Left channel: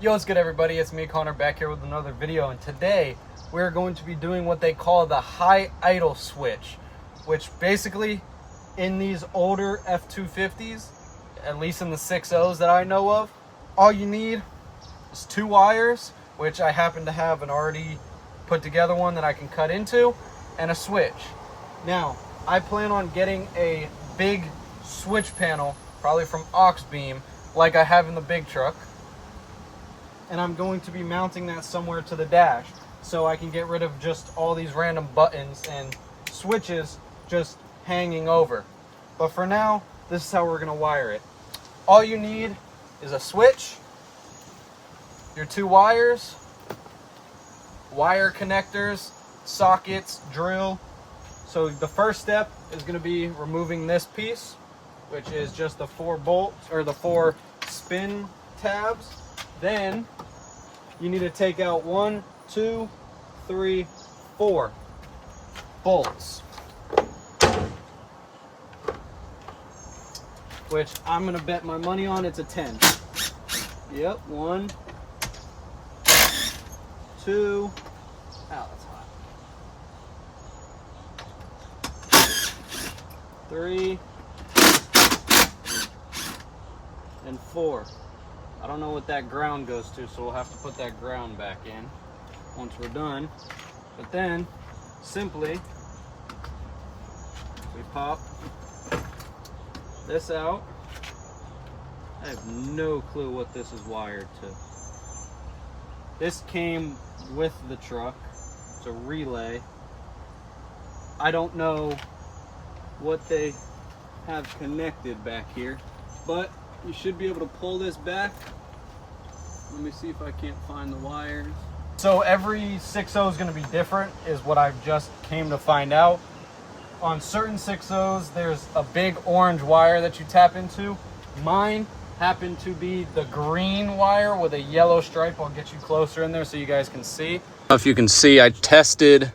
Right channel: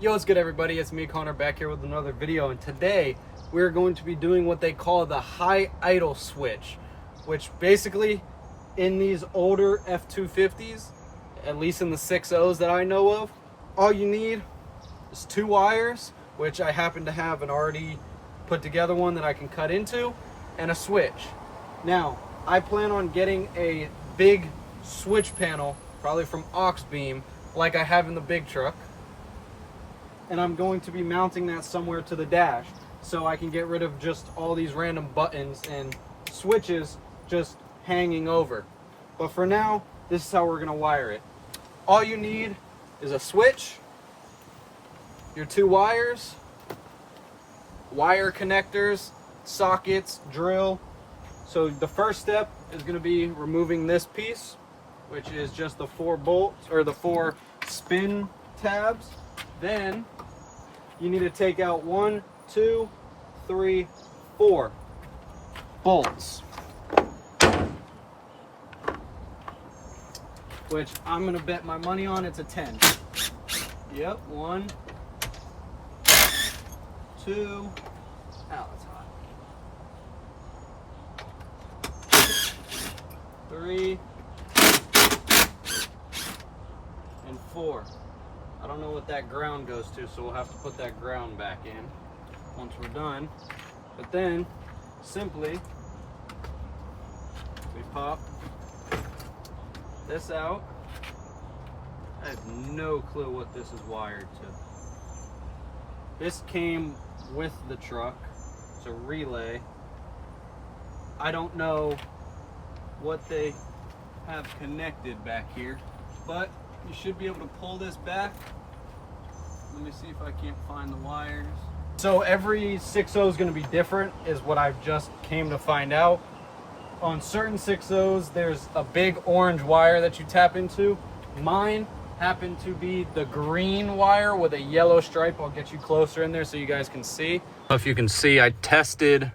Yo, what's good everybody? It's me, Connor, back here with another video, and today we're going to be doing what they call the high idle switch, which basically in these older F250s, at least in the 6.0s that I know of, all you need is 2 wires, which I happen to have an already put together one that I can cut into, and a switch. Now, I plan on getting a big switch panel, probably from Auxbeam, like I have in the big truck. And I'm going to be mounting that somewhere to the dash so I can get rid of just all these random buttons and switches just hanging over. But for now, this is how we're gonna wire it. All you need is a switch, your 2 wires, wire connectors, sockets, drill. So the first step is gonna be removing this piece, which is just the 4 bolts or the 4 spin tabs. Then you need to take out 1, 2, 3, 4 bolts, which I'm gonna bet my money on it's a 10. Yep, 1, 2, ow, that's hot. 3 and 4. I don't know what that ground goes to, so we'll have to put that ground back in once we're done. But then, simply, we pop this out. I have no clue what this is wired to. This came with the truck. It's a relay. I don't know what they have connected back here, but you should be able to pull this back. Let me see if I can't find the wires. So every 6.0 is going to be different, is what I've just came to find out. On certain 6.0s, there's a big orange wire that you tap into. Mine happened to be the green wire with a yellow stripe. I'll get you closer in there so you guys can see. If you can see, I tested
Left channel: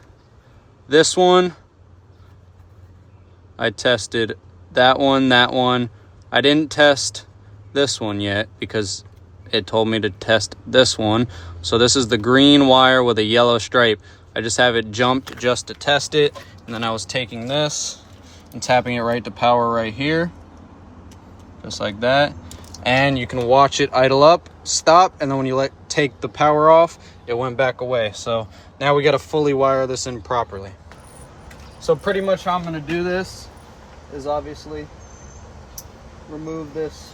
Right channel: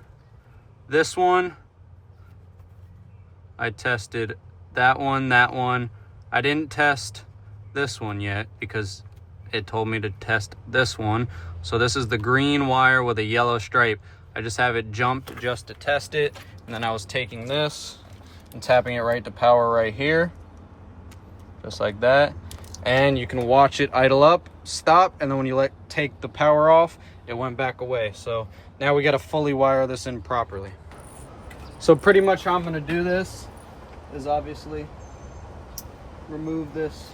this one. I tested that one, that one. I didn't test this one yet because it told me to test this one. So this is the green wire with a yellow stripe. I just have it jumped just to test it, and then I was taking this and tapping it right to power right here, just like that. And you can watch it idle up, stop, and then when you take the power off, it went back away. So now we got to fully wire this in properly. So pretty much how I'm going to do this is obviously remove this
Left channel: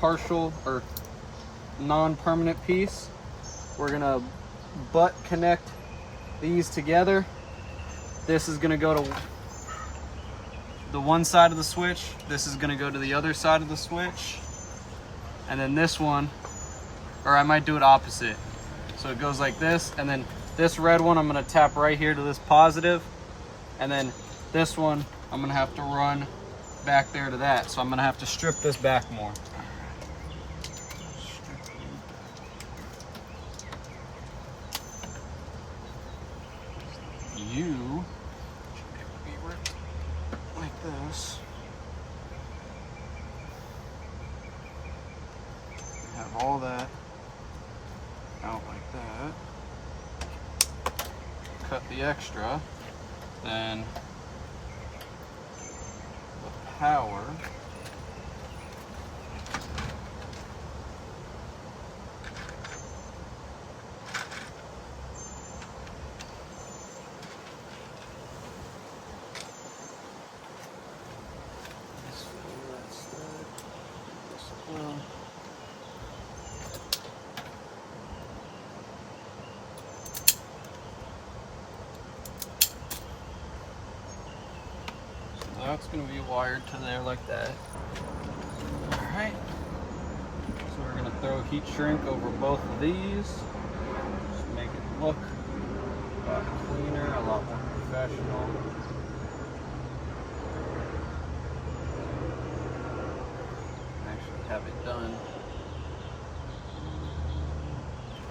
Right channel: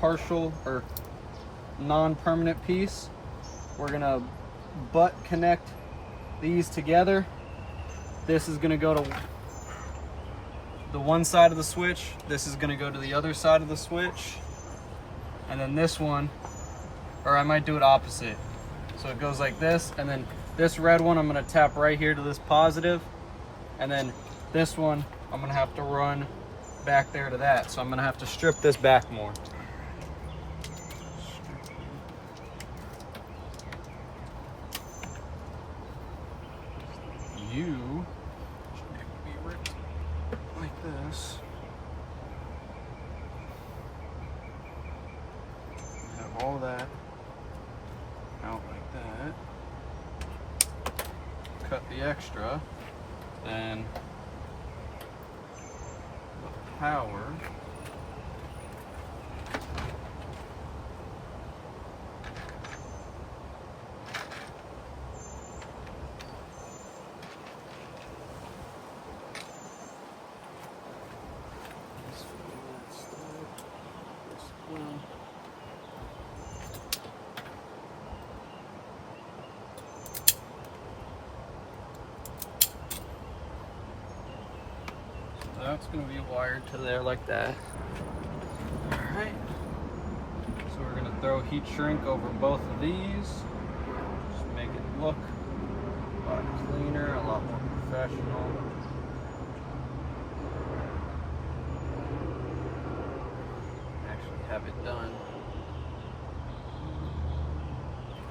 partial or non-permanent piece. We're gonna butt connect these together. This is gonna go to the one side of the switch, this is gonna go to the other side of the switch, and then this one, or I might do it opposite, so it goes like this, and then this red one I'm gonna tap right here to this positive, and then this one I'm gonna have to run back there to that, so I'm gonna have to strip this back more. You should be ripped like this. Have all that out like that. Cut the extra, then the power. That's going to be wired to there like that. Alright, so we're going to throw heat shrink over both of these. Just make it look a lot cleaner, a lot more professional. Actually have it done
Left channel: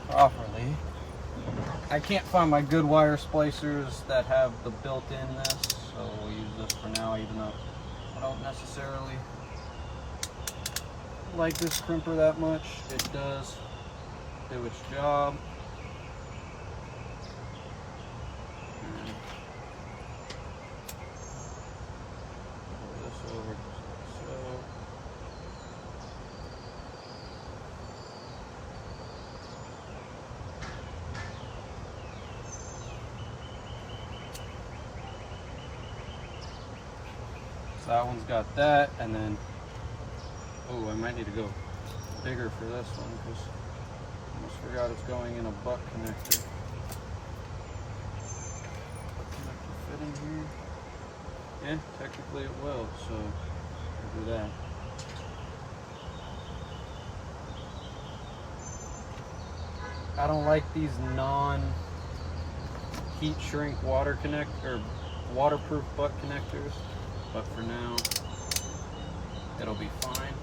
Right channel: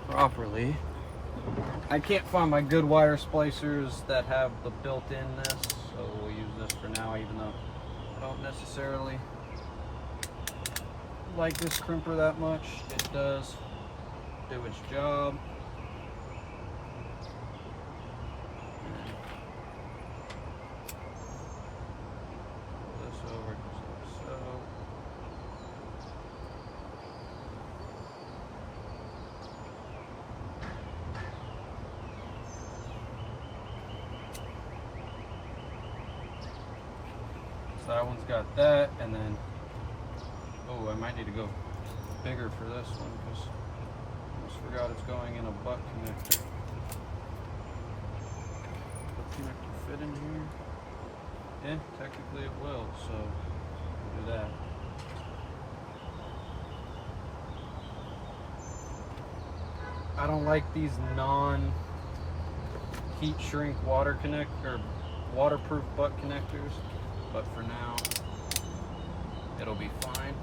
properly. I can't find my good wire splicers that have the built-in this, so we'll use this for now, even though I don't necessarily like this crimper that much. It does do its job. Pull this over just like so. So that one's got that, and then, oh, I might need to go bigger for this one because I almost forgot it's going in a butt connector. Butt connector fit in here? Yeah, technically it will, so we'll do that. I don't like these non-heat shrink water or waterproof butt connectors, but for now it'll be fine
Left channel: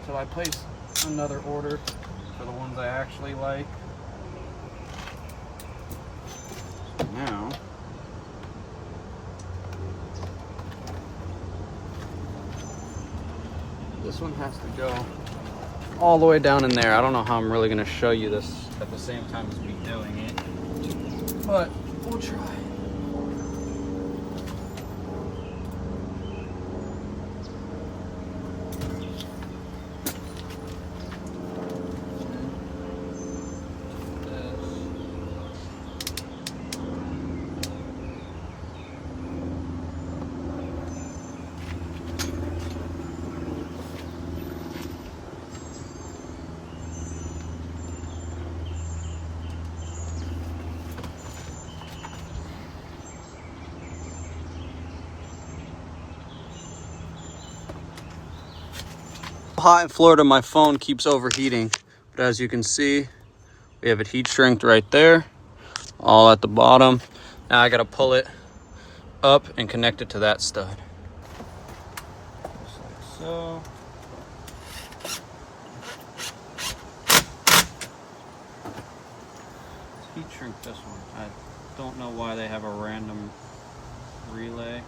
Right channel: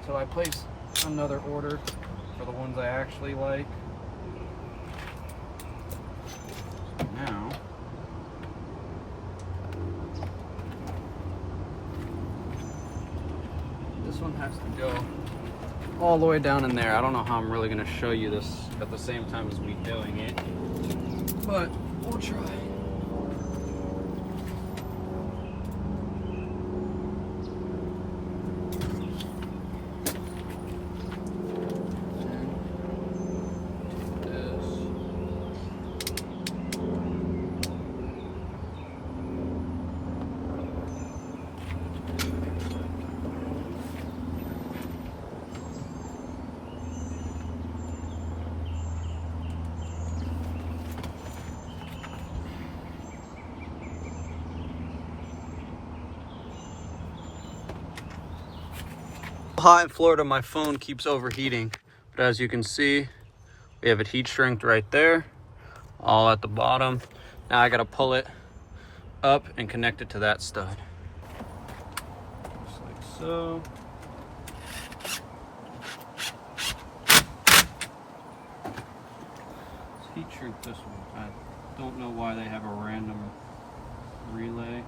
until I place another order for the ones I actually like. So now this one has to go all the way down in there. I don't know how I'm really going to show you this at the same time as me doing it, but we'll try. Hot in Florida, my phone keeps overheating, but as you can see, we have it heat shrinked right there, all at the bottom. Now I gotta pull it up and connect it to that stud, just like so. Let's heat shrink this one. I don't know why they have a random relay.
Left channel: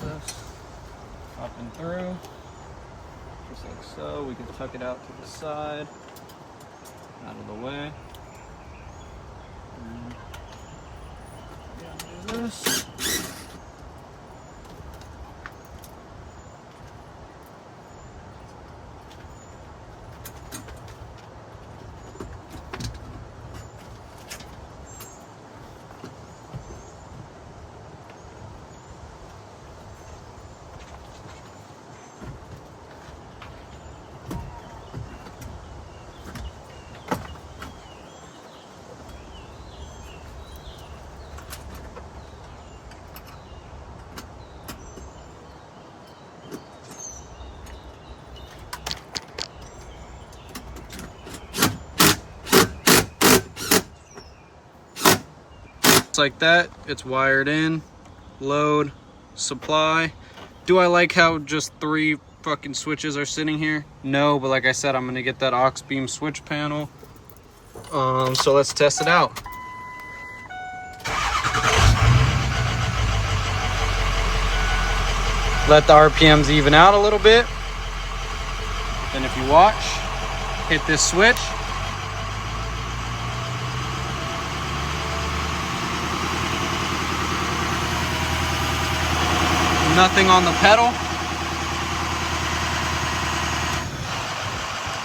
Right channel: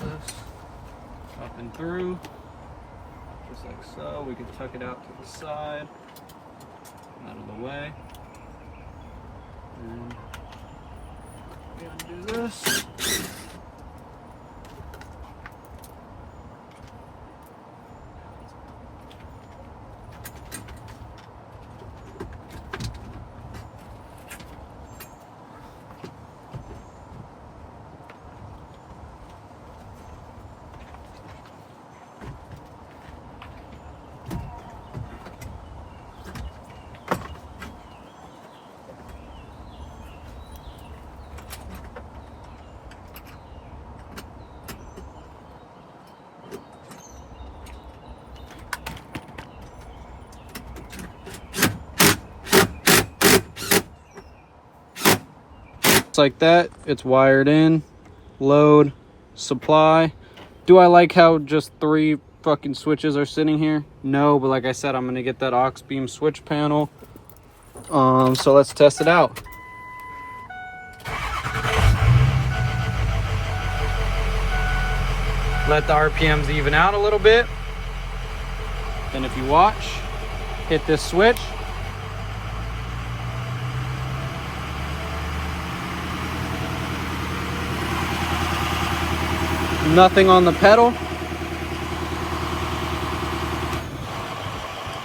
This up and through, just like so. We can tuck it out to the side, out of the way, and do this. It's like that. It's wired in, load, supply. Do I like how just 3 fucking switches are sitting here? No, but like I said, I'm gonna get that aux beam switch panel. So let's test it out. Let the RPMs even out a little bit. Then if you watch, hit this switch. Nothing on the pedal.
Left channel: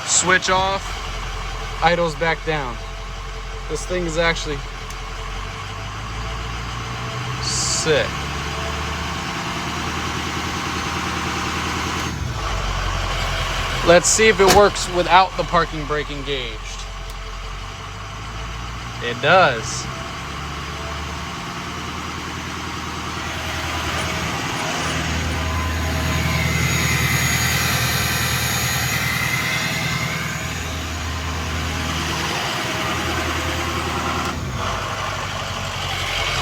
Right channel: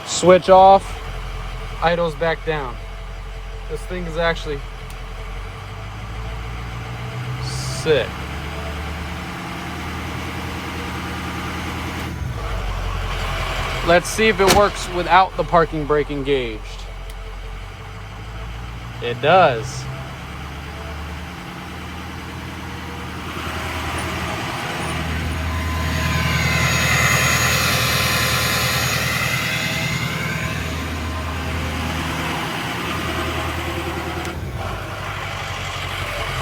Switch off, idles back down. This thing is actually sick. Let's see if it works without the parking brake engaged. It does.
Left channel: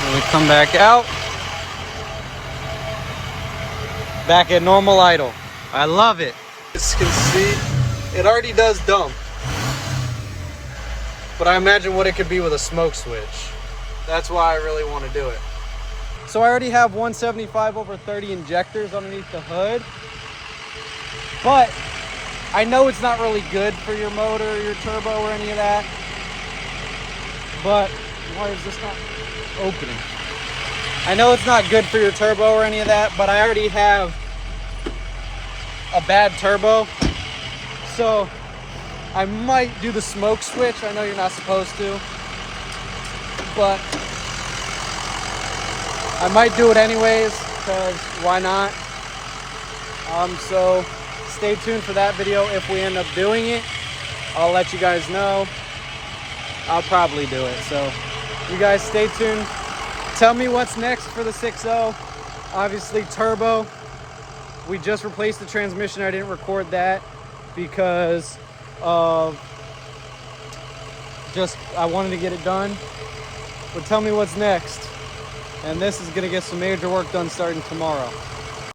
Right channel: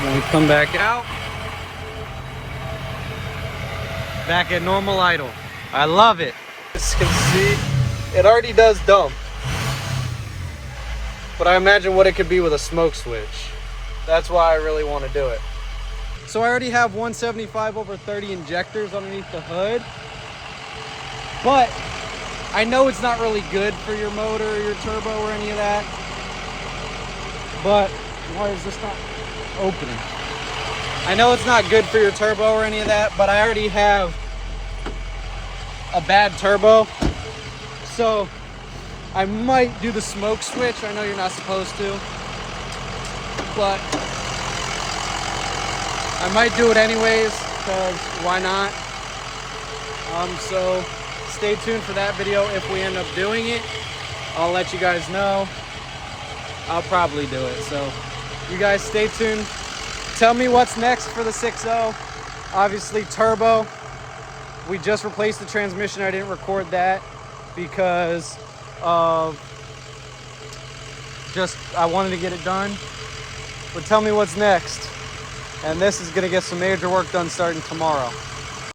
When we come back out, back at normal idle. I love it. As you can see, it already does dump. But I imagine what it could be with a smoke switch. That's why I really want to do it. So I already have 175/30 injectors underneath the hood. But I know it's not really good for your motor or your turbo or any of that. But why is this not opening? I know it's not good for your turbo or any of that, but I already have a bad turbo. So I might do the smoke switch. I know you're not supposed to, but I might do it anyways, because why not? So stay tuned for that video. If we end up doing it, I'll let you guys know. I'll probably do it. So you guys stay tuned. Tell me what's next for the 6.0. Obviously turbo. We just replaced the transmission. I didn't record that because of I wanted to get it done. But tell me what's next. And this is gonna get some major work done starting tomorrow.